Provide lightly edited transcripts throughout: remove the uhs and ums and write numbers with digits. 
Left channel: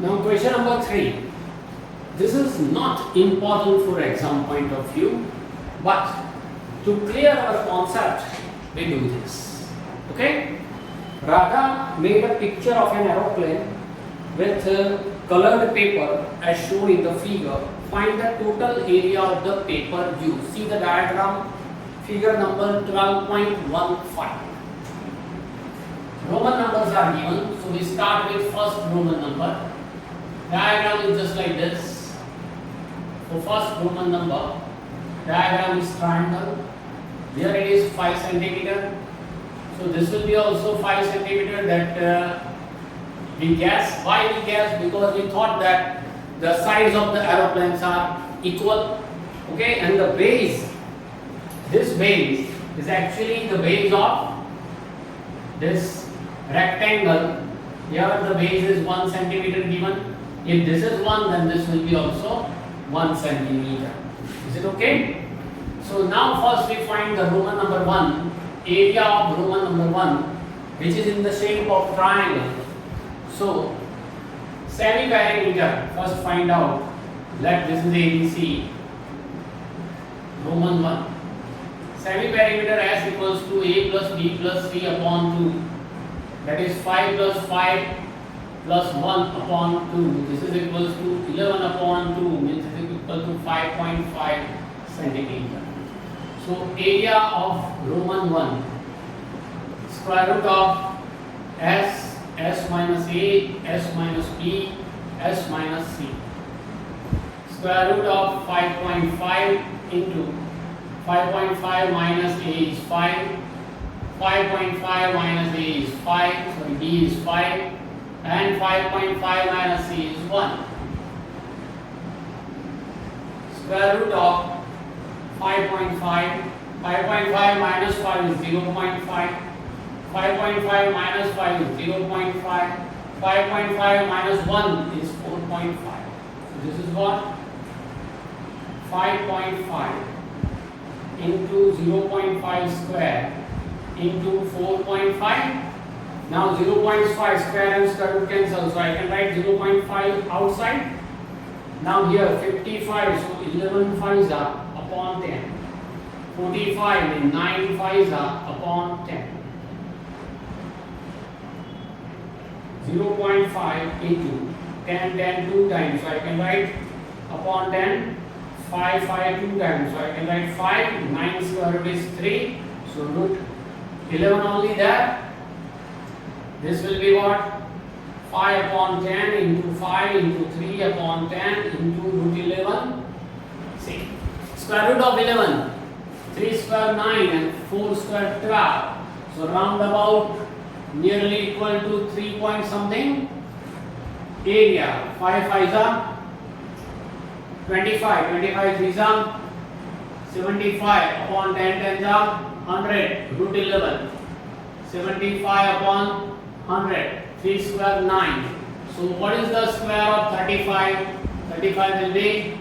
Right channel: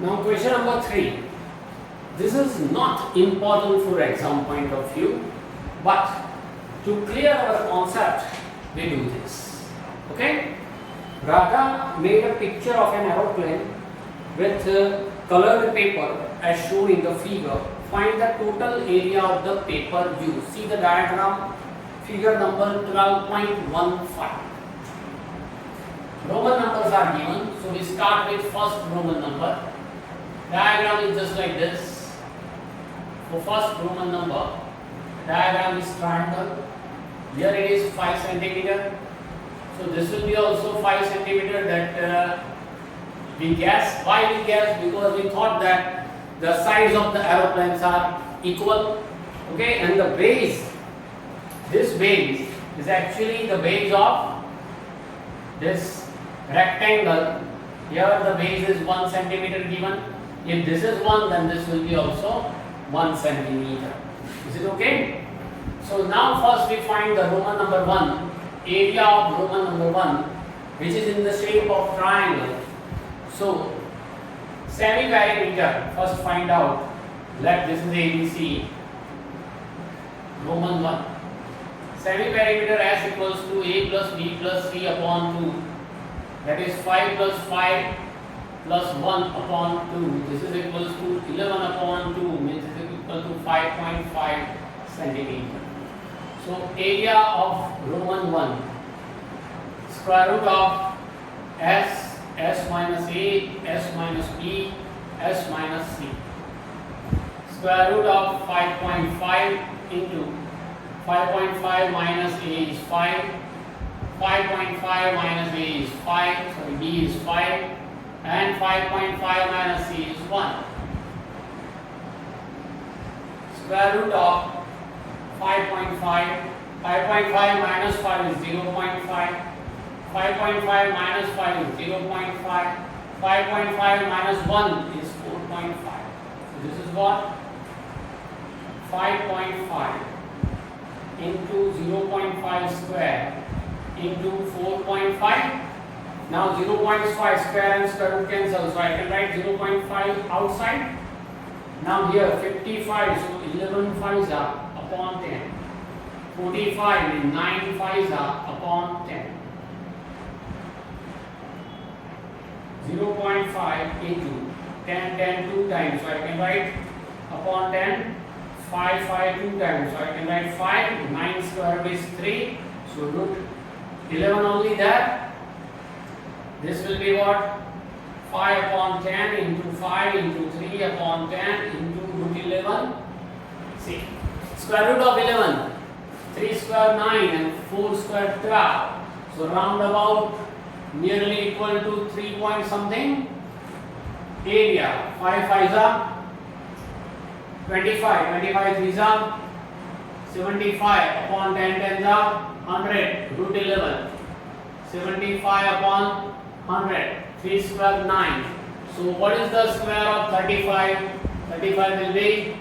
Now question number 3. This is not important for exam point of view, but to clear our concept, we do this. Okay? Radha made a picture of an aeroplane with colored paper as shown in the figure. Find the total area of the paper used. See the diagram, figure number 12.15. Roman numbers are given, so we start with first Roman number. Diagram is just like this. So first Roman number, diagram is triangle. Here it is 5 centimeter. So this will be also 5 centimeter. That we guess. Why we guess? Because we thought that the size of the aeroplanes are equal. Okay, and the base, this base is actually the base of this rectangle. Here the base is 1 centimeter given. If this is 1, then this will be also 1 centimeter. Is it okay? So now first we find the Roman number 1, area of Roman number 1, which is in the shape of triangle. So semi-perimeter, first find out. Let this is ABC, Roman 1. Semi-perimeter S equals to A plus B plus C upon 2. That is 5 plus 5 plus 1 upon 2. This is equals to 11 upon 2, means it is equal to 5.5 centimeter. So area of Roman 1, square root of S, S minus A, S minus B, S minus C. Square root of 5.5 into 5.5 minus A is 5. 5.5 minus A is 5, so B is 5, and 5.5 minus C is 1. Square root of 5.5, 5.5 minus 5 is 0.5, 5.5 minus 5 is 0.5, 5.5 minus 1 is 4.5. So this is what? 5.5 into 0.5 square into 4.5. Now 0.5 square and square root cancel, so I can write 0.5 outside. Now here 55, so 11 5s are upon 10. 45 and 9 5s are upon 10. 0.5 into 10, 10 2 times, so I can write upon 10, 5, 5 2 times, so I can write 5, 9 square root is 3, so root 11 only there. This will be what? 5 upon 10 into 5 into 3 upon 10 into root 11. See, square root of 11, 3 square 9 and 4 square 12. So round about nearly equal to 3 point something. Area 5 5s are 25, 25 3s are 75 upon 10 10s are 100, root 11. 75 upon 100, 3 square 9. So what is the square of 35? 35 will be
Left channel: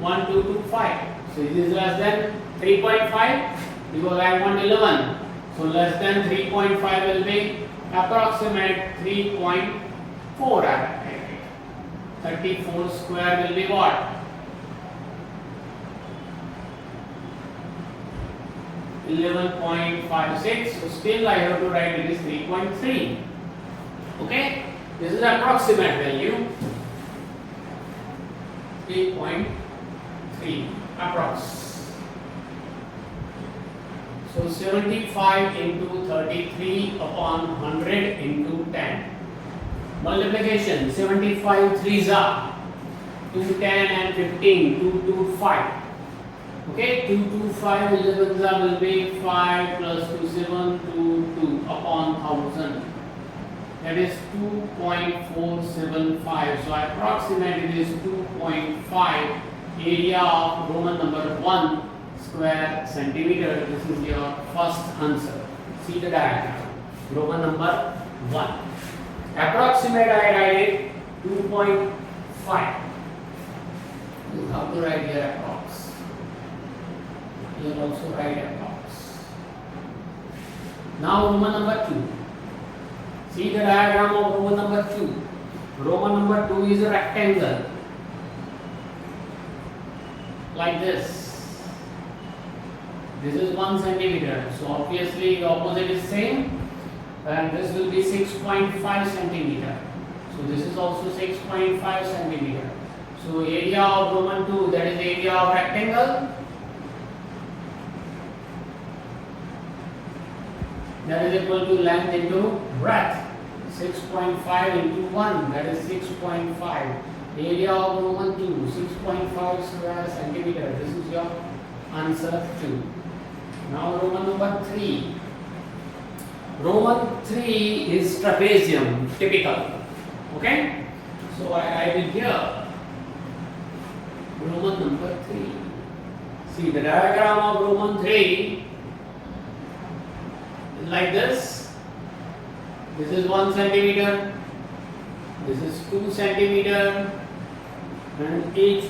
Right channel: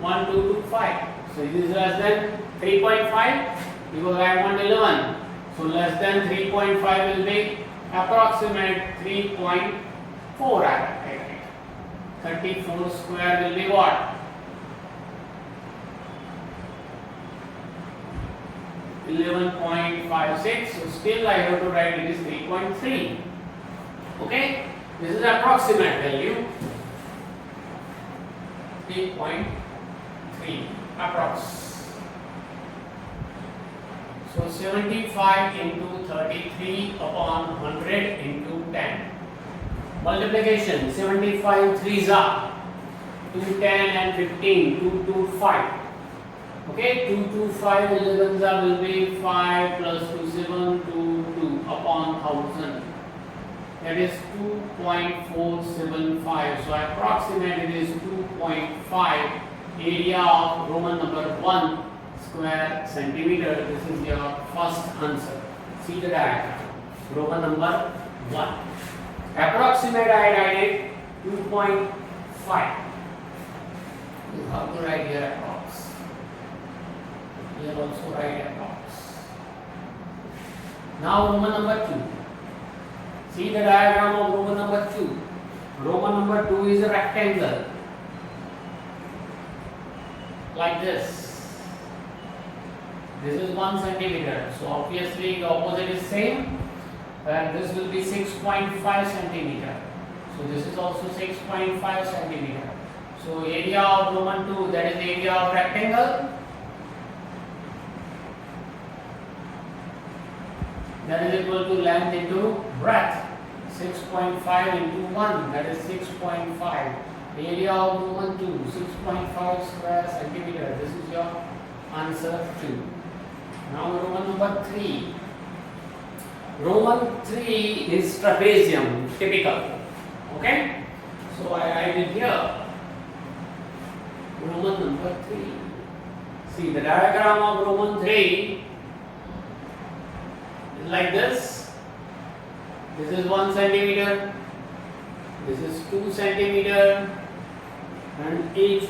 1225. So this is less than 3.5 because I want 11. So less than 3.5 will be approximate 3.4. 34 square will be what? 11.56. So still I have to write it is 3.3. Okay, this is approximate value. 3.3 approx. So 75 into 33 upon 100 into 10. Multiplication 75 3s are 2, 10 and 15, 2, 2, 5. Okay, 2, 2, 5, 11s will be 5 plus 2, 7, 2, 2 upon 1000. That is 2.475. So I approximate it is 2.5 area of Roman number 1 square centimeter. This is your first answer. See the diagram. Roman number 1. Approximate I write 2.5. You have to write here approx. Here also write approx. Now Roman number 2. See the diagram of Roman number 2. Roman number 2 is a rectangle. Like this. This is 1 centimeter. So obviously the opposite is same. And this will be 6.5 centimeter. So this is also 6.5 centimeter. So area of Roman 2, that is area of rectangle. That is equal to length into breadth. 6.5 into 1, that is 6.5. Area of Roman 2, 6.5 square centimeter. This is your answer 2. Now Roman number 3. Roman 3 is trapezium, typical. Okay? So I will here Roman number 3. See the diagram of Roman 3 is like this. This is 1 centimeter. This is 2 centimeter. And each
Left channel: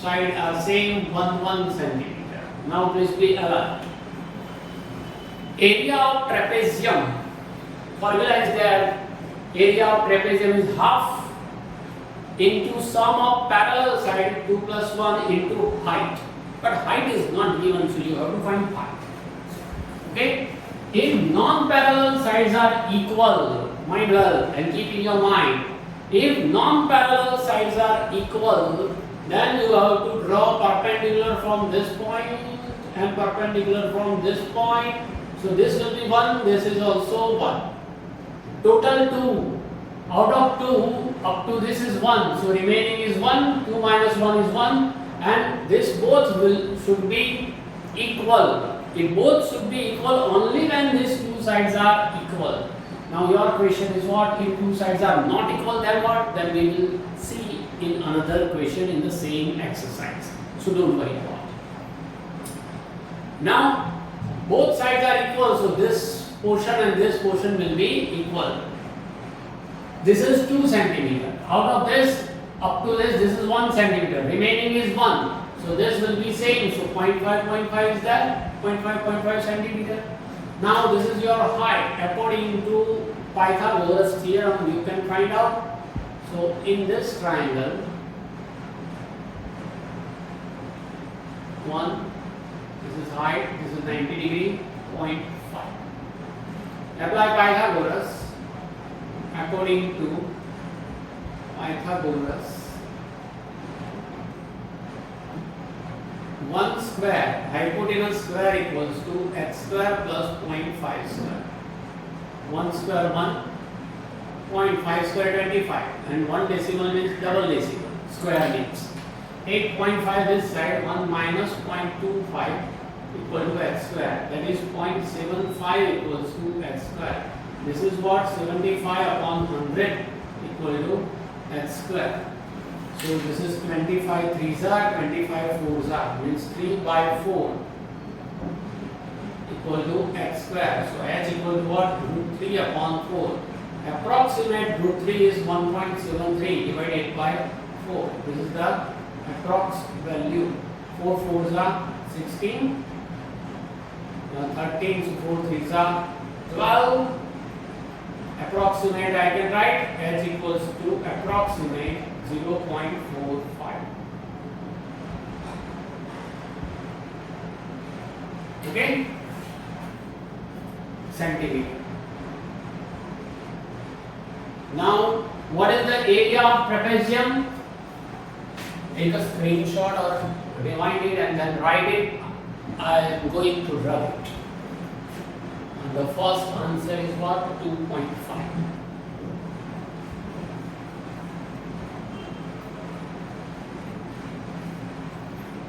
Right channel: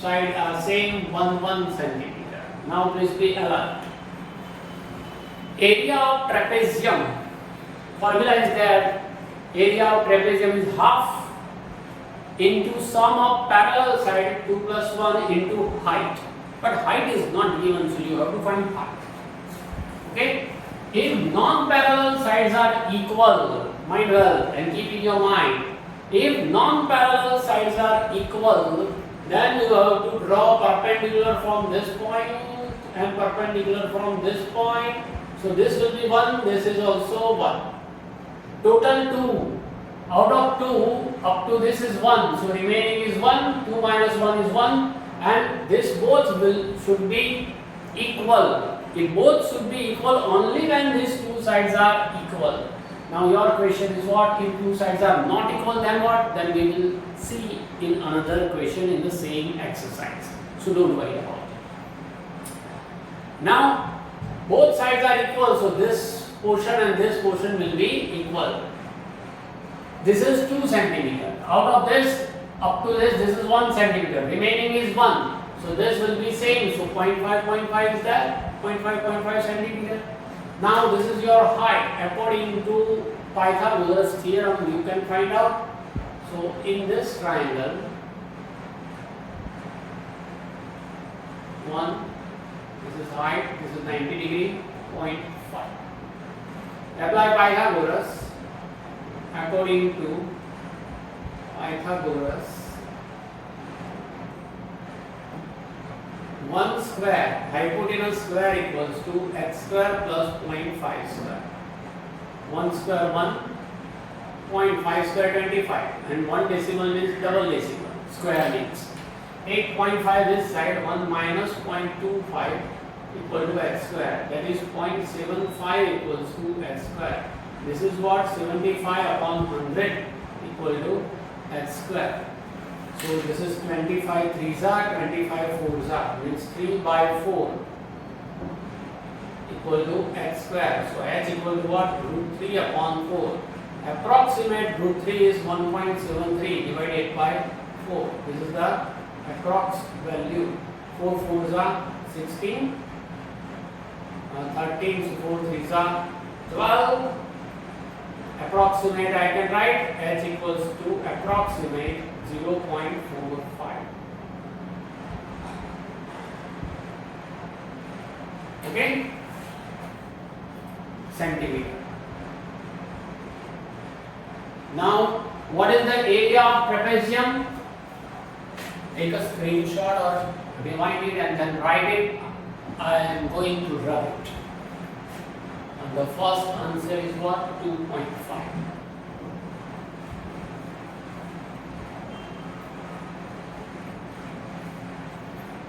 side are same 1 centimeter. Now please be alert. Area of trapezium, formula is there. Area of trapezium is half into sum of parallel side 2 plus 1 into height. But height is not given, so you have to find height. Okay? If non-parallel sides are equal, mind well and keep in your mind. If non-parallel sides are equal, then you have to draw perpendicular from this point and perpendicular from this point. So this will be 1, this is also 1. Total 2. Out of 2, up to this is 1. So remaining is 1, 2 minus 1 is 1. And this both should be equal. If both should be equal only when these two sides are equal. Now your question is what? If two sides are not equal, then what? Then we will see in another question in the same exercise. So don't worry about it. Now both sides are equal, so this portion and this portion will be equal. This is 2 centimeter. Out of this, up to this is 1 centimeter. Remaining is 1. So this will be same. So 0.5 is there. 0.5 centimeter. Now this is your height. According to Pythagoras theorem, you can find out. So in this triangle, 1. This is height, this is 90 degree, 0.5. Apply Pythagoras. According to Pythagoras, 1 square, hypotenuse square equals to x square plus 0.5 square. 1 square 1, 0.5 square 25, and 1 decimal means double decimal, square means. Take 0.5 this side, 1 minus 0.25 equal to x square, that is 0.75 equals to x square. This is what? 75 upon 100 equal to x square. So this is 25 3s are, 25 4s are, means 3 by 4 equal to x square. So h equal to what? Root 3 upon 4. Approximate root 3 is 1.73 divided by 4. This is the approx value. 4 4s are 16, 13, so 4 3s are 12. Approximate I can write h equals to approximate 0.45. Okay? Centimeter. Now, what is the area of trapezium? Take a screenshot or rewind it and then write it. I am going to rub it. And the first answer is what? 2.5.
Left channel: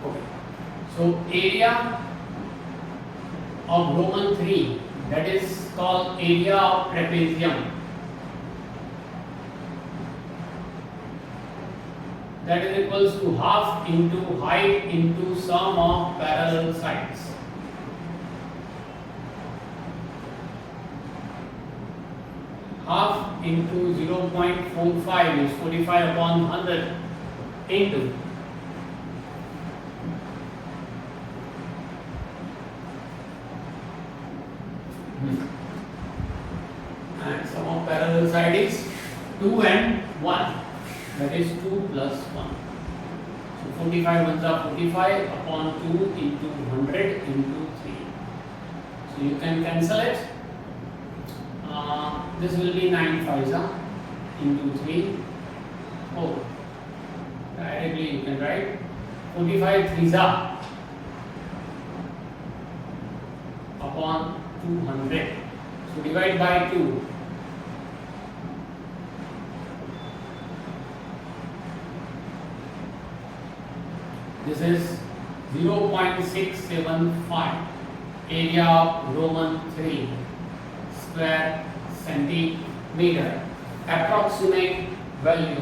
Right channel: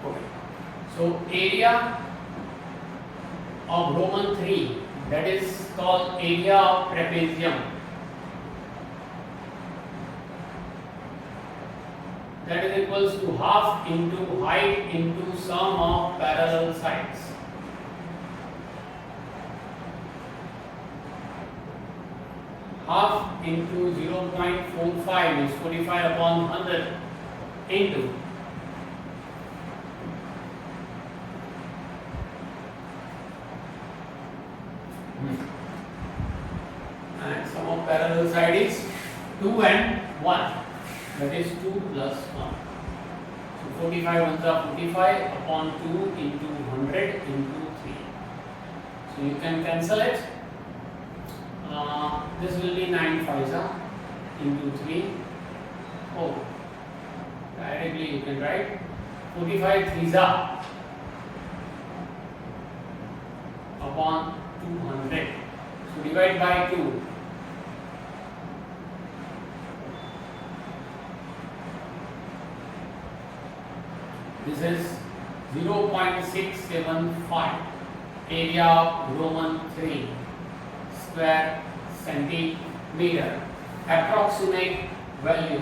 Okay. So area of Roman 3, that is called area of trapezium. That is equals to half into height into sum of parallel sides. Half into 0.45 is 45 upon 100 into and sum of parallel other side is 2 and 1. That is 2 plus 1. So 45 ones are 45 upon 2 into 100 into 3. So you can cancel it. This will be 9 5s into 3. Oh, directly you can write 45 3s upon 200. So divide by 2. This is 0.675 area of Roman 3 square centimeter. Approximate value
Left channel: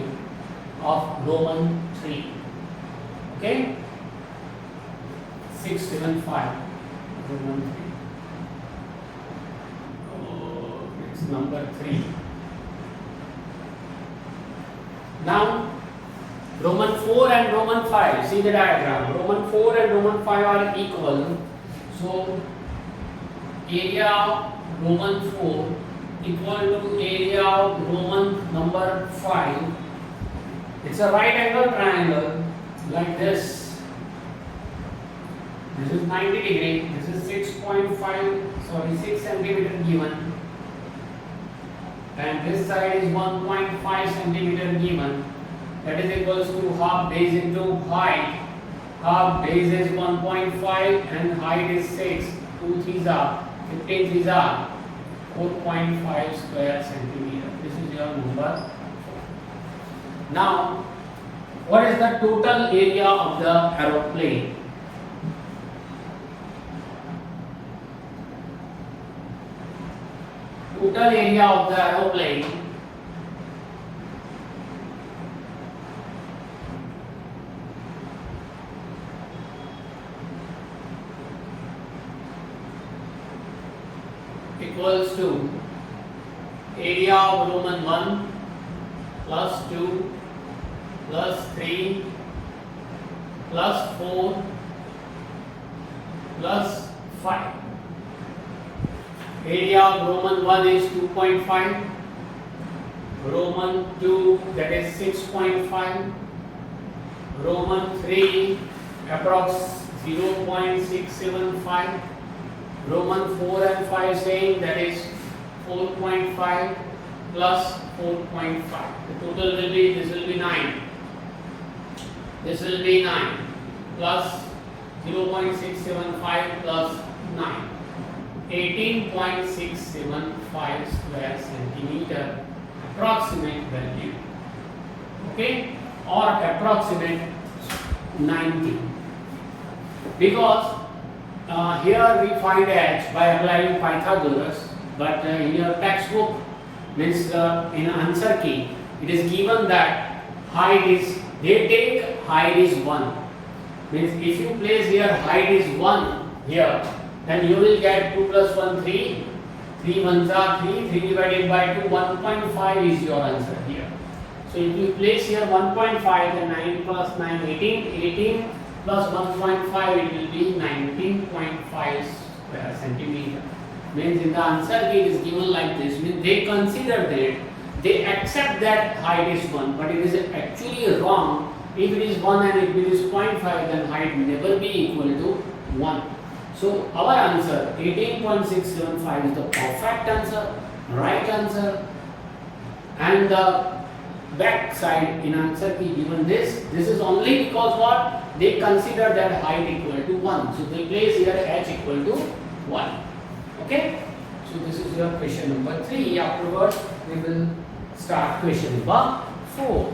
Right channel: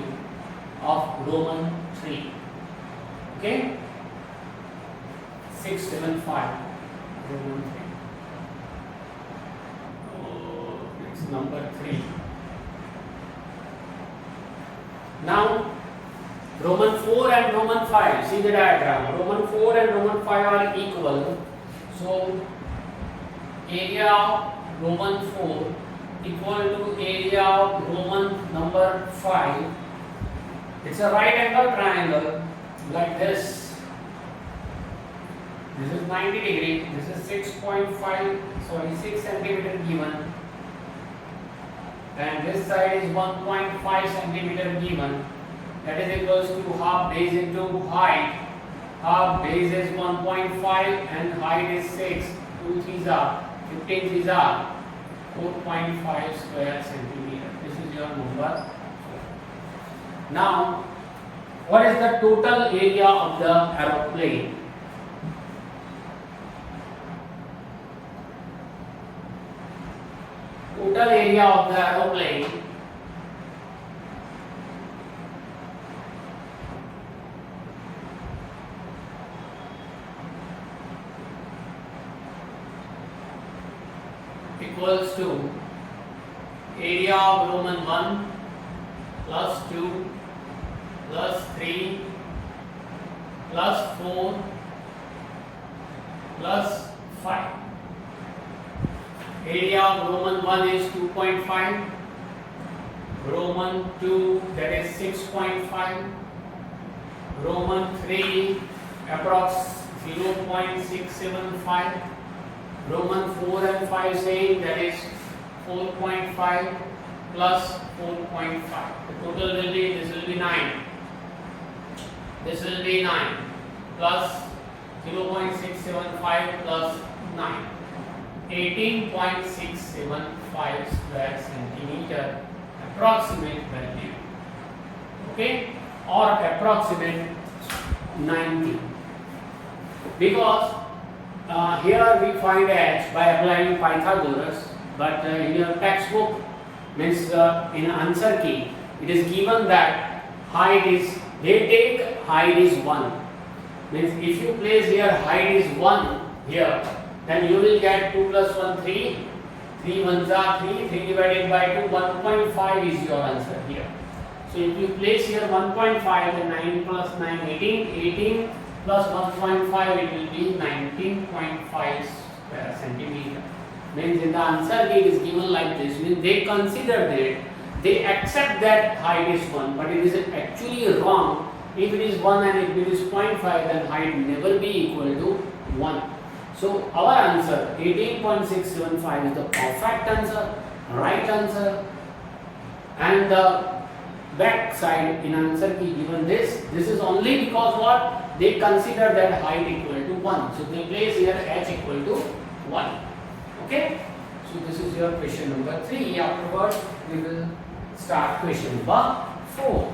of Roman 3. Okay? 675 Roman 3. Oh, it's number 3. Now Roman 4 and Roman 5, see the diagram. Roman 4 and Roman 5 are equal. So area of Roman 4 equal to area of Roman number 5. It's a right angle triangle like this. This is 90 degree. This is 6 centimeter given. And this side is 1.5 centimeter given. That is equals to half base into height. Half base is 1.5 and height is 6. 2 3s are 15 3s are 4.5 square centimeter. This is your number. Now, what is the total area of the aeroplane? Total area of the aeroplane equals to area of Roman 1 plus 2 plus 3 plus 4 plus 5. Area of Roman 1 is 2.5, Roman 2 that is 6.5, Roman 3 approx 0.675, Roman 4 and 5 saying that is 4.5 plus 4.5. The total will be, this will be 9. This will be 9 plus 0.675 plus 9. 18.675 square centimeter approximate value. Okay, or approximate 90. Because here we find h by applying Pythagoras, but in your textbook, means in answer key, it is given that height is, they take height is 1. Means if you place here height is 1 here, then you will get 2 plus 1 3, 3 ones are 3, 3 divided by 2, 1.5 is your answer here. So if you place here 1.5, then 9 plus 9, 18, 18 plus 1.5, it will be 19.5 square centimeter. Means in the answer it is given like this. Means they consider that, they accept that height is 1, but it is actually wrong. If it is 1 and if it is 0.5, then height never be equal to 1. So our answer 18.675 is the perfect answer, right answer, and the back side in answer key given this. This is only because what? They consider that height equal to 1. So they place here h equal to 1. Okay? So this is your question number 3. Afterwards we will start question number 4.